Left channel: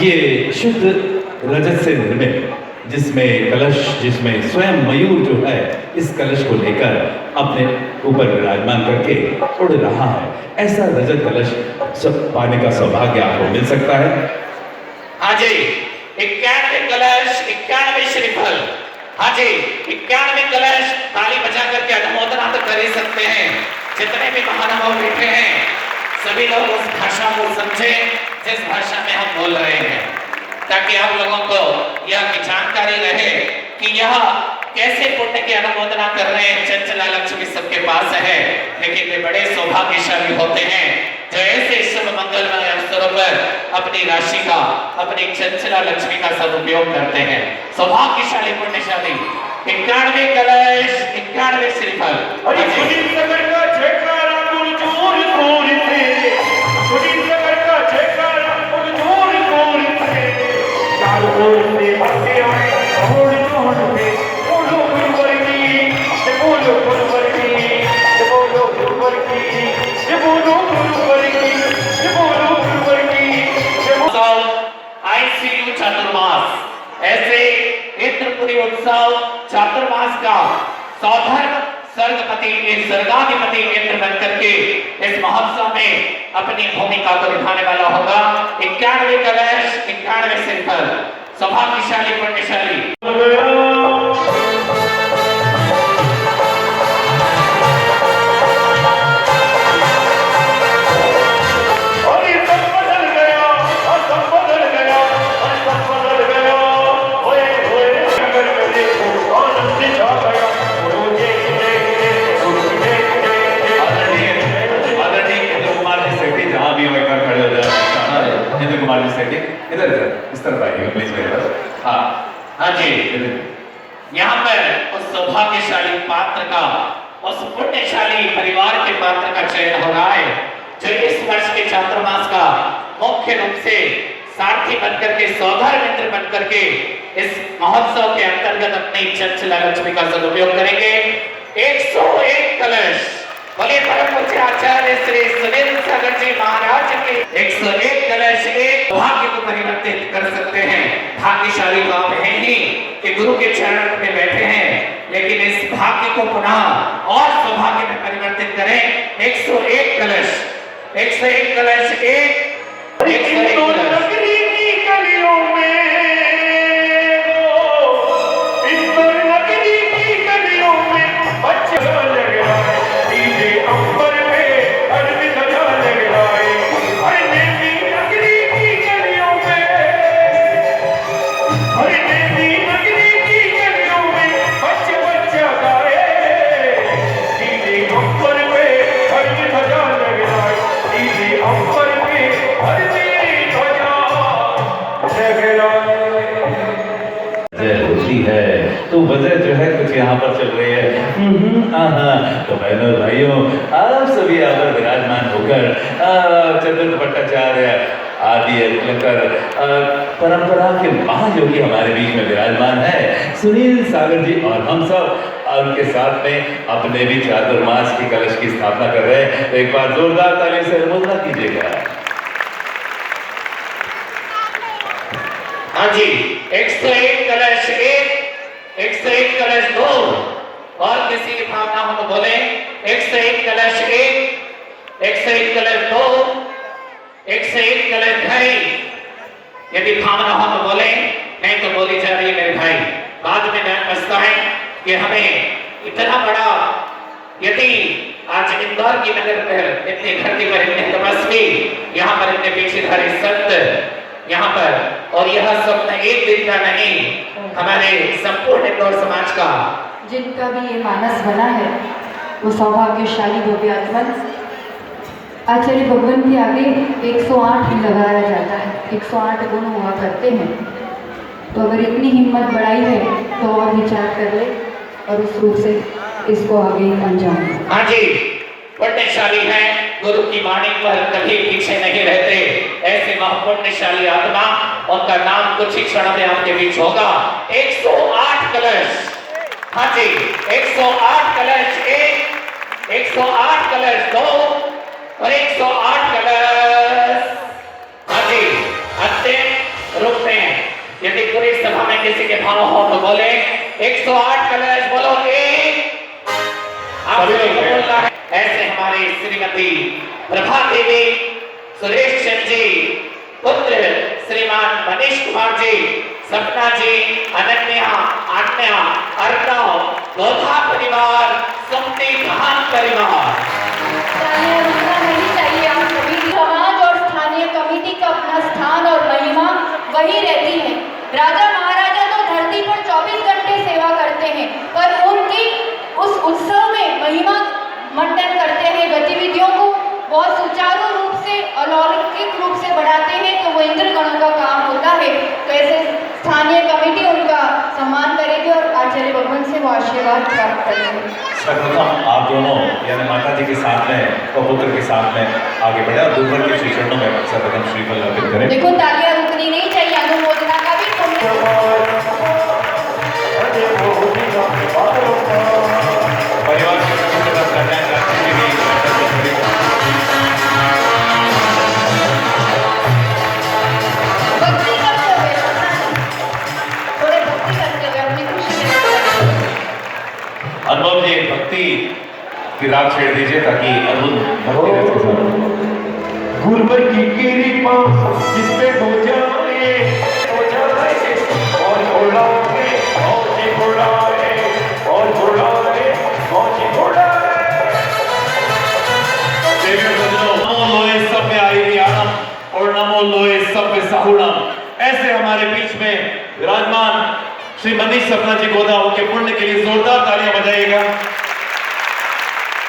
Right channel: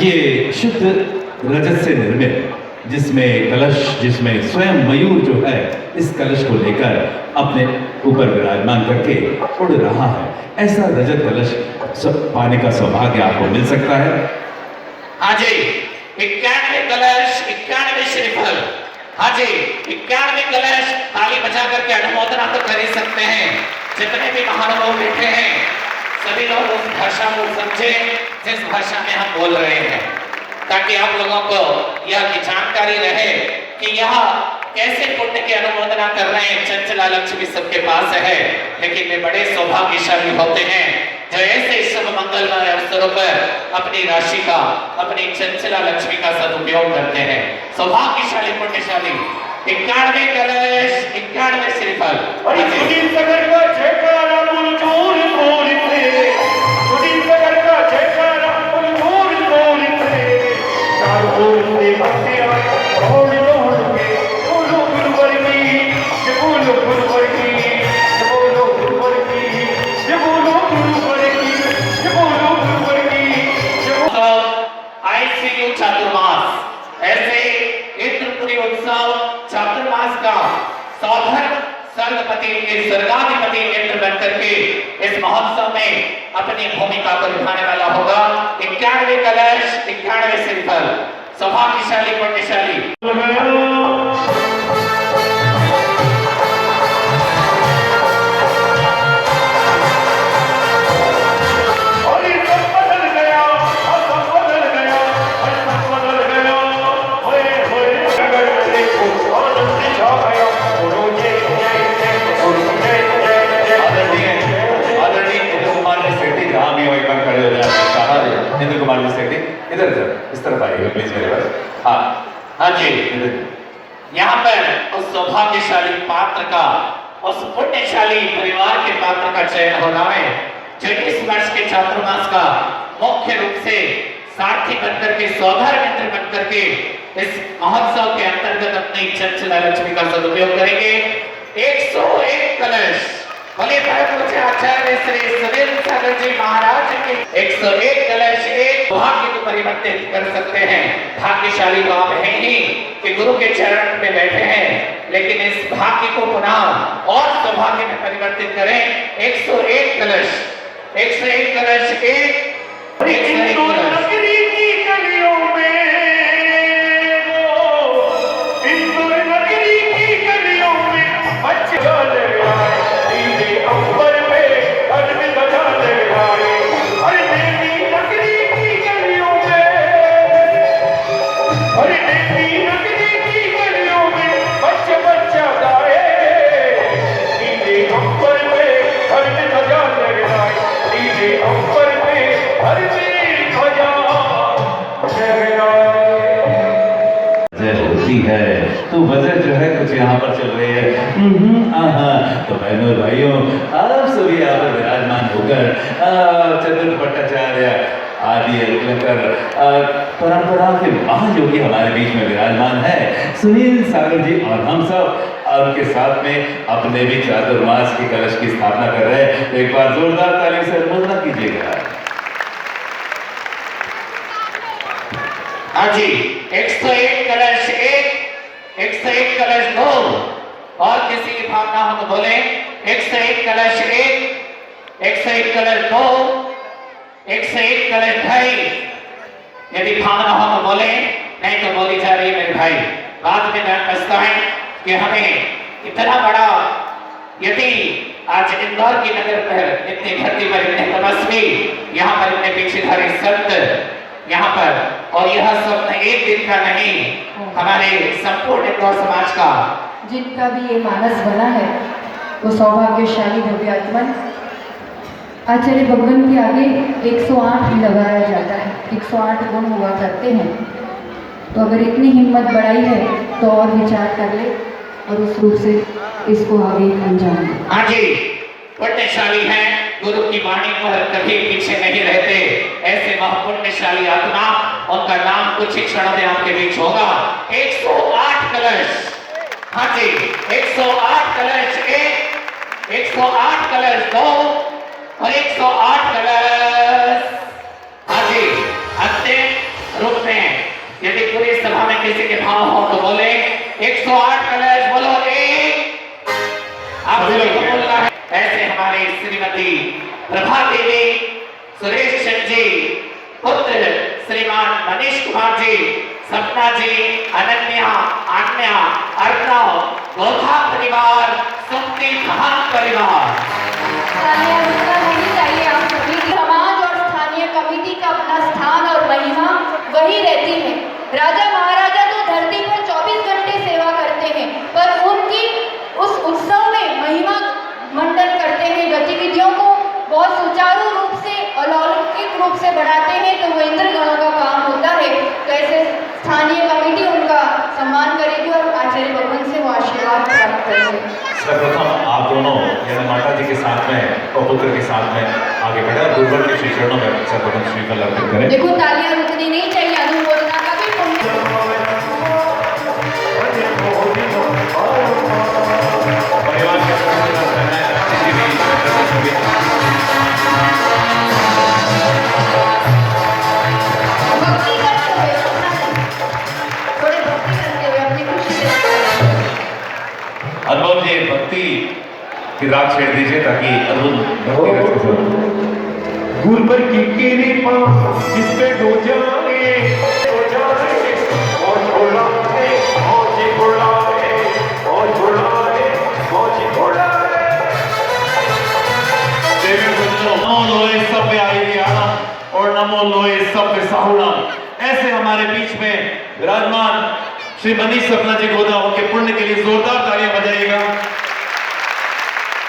ये शुद्ध रजत से निर्मित, जिसमें कलश, जिसमें स्वयं मयूर जो है इस कलश को लेकर अपने ऊपर विराजमान करके उड़ रहा है, ऐसा रजत कलश सब पाने का सौभाग्य आपको मिल सकता है। हाँ जी, 91 कलश, 91 श्रीफल। हाँ जी, 91 कलश ताली बजा करके अनुमोदना तो कर ही सकते हैं। जितने भी महानुभाव बैठे हैं सभी लोग उस भाषा को समझे जिस भाषा में हम बोल रहे हैं, ताकि आप लोगों को यह जानकारी रहे कि यह कैसे पुण्य की अनुमोदना कर रहे हैं। चंचला लक्ष्मी सबके पास है, लेकिन वे बड़े सौभाग्यशाली होते हैं जो ऐसे शुभ मंगलमय अवसरों पर अपनी राशि का, अपनी चंचला लक्ष्मी का सदुपयोग करते हैं। सौभाग्यशाली पुण्यशाली 91 कलश, 91 श्रीफल। चातुर्मास, ऐसे इंद्रपुरी उत्सव चातुर्मास का सौधर्म सर्गपति स्वर्गाधिपति इंद्र बन करके इस महोत्सव में अपनी भूमिका को निभाने वाला होगा। 91 कलश, 91 श्रीफल, सौभाग्यशाली पुण्यशाली। हाँ जी, यहाँ पर उस सौभाग्यशाली पात्र का, उस पुण्यशाली परिवार के पात्र का चयन हो रहा है जो इस वर्ष के चातुर्मास का मुख्य रूप से सारथी बनकर के, सौधर्म मित्र बनकर के इस महोत्सव के अंतर्गत अपनी चंचला लक्ष्मी का सदुपयोग करेंगे। 101 कलश, बोले परम पूज्य आचार्य श्री सुनील सागर जी महाराज के 101 कलश एक भाग्य को परिवर्तित कर सकते हैं। भाग्यशाली तो आप हैं ही कि गुरु के चरण में बैठे हैं, लेकिन इस भाग्य को पुनः और सौभाग्य में परिवर्तित करें। 101 कलश, 101 कलश, 101 कलश। तो वजह जो है कुछ यहाँ पर चल रही है। तो बहनों भाइयों, आप सभी यहाँ पर विराजमान होकर चंद्र भट्टाचार्य आदि लेकर परंपरा के महायोगी हमारे बीच में विराजमान है, सुनील सागर जी, और हम सब उनके साथ में अपने भी चातुर्मास की कलश की स्थापना कर रहे हैं। तो एक बार जोरदार ताली से अनुमोदन कीजिएगा। हाँ जी, 101 कलश 1, 101 कलश 2, और किसी की भावना हो तो बोले 101 कलश 1, 101 कलश 2, 101 कलश 2। यदि भावना हो तो बोले, नहीं तो बोली जा रही मेरे भाई। बाद में ध्यान बचता है कि हमें इतना बड़ा, यदि आज इंदौर की नगर पर इतनी धरती पर इतने तपस्वी, यहाँ पर इतने पीछेधारी संत यहाँ पर, और यह सब एक दिन का नहीं, हमारे संपूर्ण इंदौर समाज का, जिनका भी ये मानस बना है वो सौभाग्यशाली भव्यात्मन। आचार्य भगवान के आगे 108 लगाया जाता है, 108 गुण हुआ करते हैं। तो अगर इतनी हिम्मत बढ़ाई है तो और विचार कर ले और उस रूप से इसको आगे अंजाम दे। हाँ जी, पुण्यशाली है, गुरु की वाणी पर कभी पीछे नहीं रहते, ऐसे महापुण्यशाली आत्मा, उनका नाम कुछ ही क्षण में आपके बीच होगा। 108 कलश, हाँ जी, 108 कलश 1, 108 कलश 2 और 108 कलश, हाँ जी, अंतिम यदि पूरी सभा में किसी के भाव हो तो बोले 108 कलश बोलो एक। आप सभी को बोलना है। ऐसे हमारी श्रीमती प्रभा देवी, सुरेश चंद जी, पुत्र श्रीमान मनीष कुमार जी, सपना जी, अनन्या, आज्ञा, अर्णव, गोधा परिवार, सुमति धाम परिवार। समाज और स्थानीय कमेटी का अपना स्थान और महिमा वही रहती है। राजा महाराजा तो धरती पर 24 घंटे सेवा करते हैं, पर उनकी उस उत्सव में महिमा मंडन करते हैं, गतिविधियों को बहुत सुचारू रूप से, अलौकिक रूप से बढ़ाते हैं, तो वो इंद्र गणों का काम होता है। तो ऐसे स्थानीय कमेटी उनका सम्मान करेगी और आचार्य भगवान से वो आशीर्वाद प्राप्त करेंगे। सर्वप्रथम आप दोनों यानी माता जी के साथ में और पुत्र के साथ में आगे बढ़े और गुरुवर के श्री चरणों में सर्वप्रथम श्रीफल अर्पित करें। देखो तालियां रुकनी नहीं चाहिए, अनुमोदना का भी पुण्य। परिवार के सदस्य बात करना है, किसी भी भक्ति करते हुए, थोड़े भक्ति करते हुए अपनी खुशी व्यक्त करें। अनुभव जी भक्ति की राग छेड़ दीजिए ताकि अरुण भक्ति कर सके। गुरुवर की कृपा जिस पे हो जाए और बुलाए मौजी बुलाए और बुलाए मौजी बुलाए। नमो लोए सभ्य आयुर्याणम और नमो लोए सभ्य साहुणम। ऐसे हमारे बीच में विराजमान श्री मनीष सपना जी गोदा उनके पुण्य के लिए जोरदार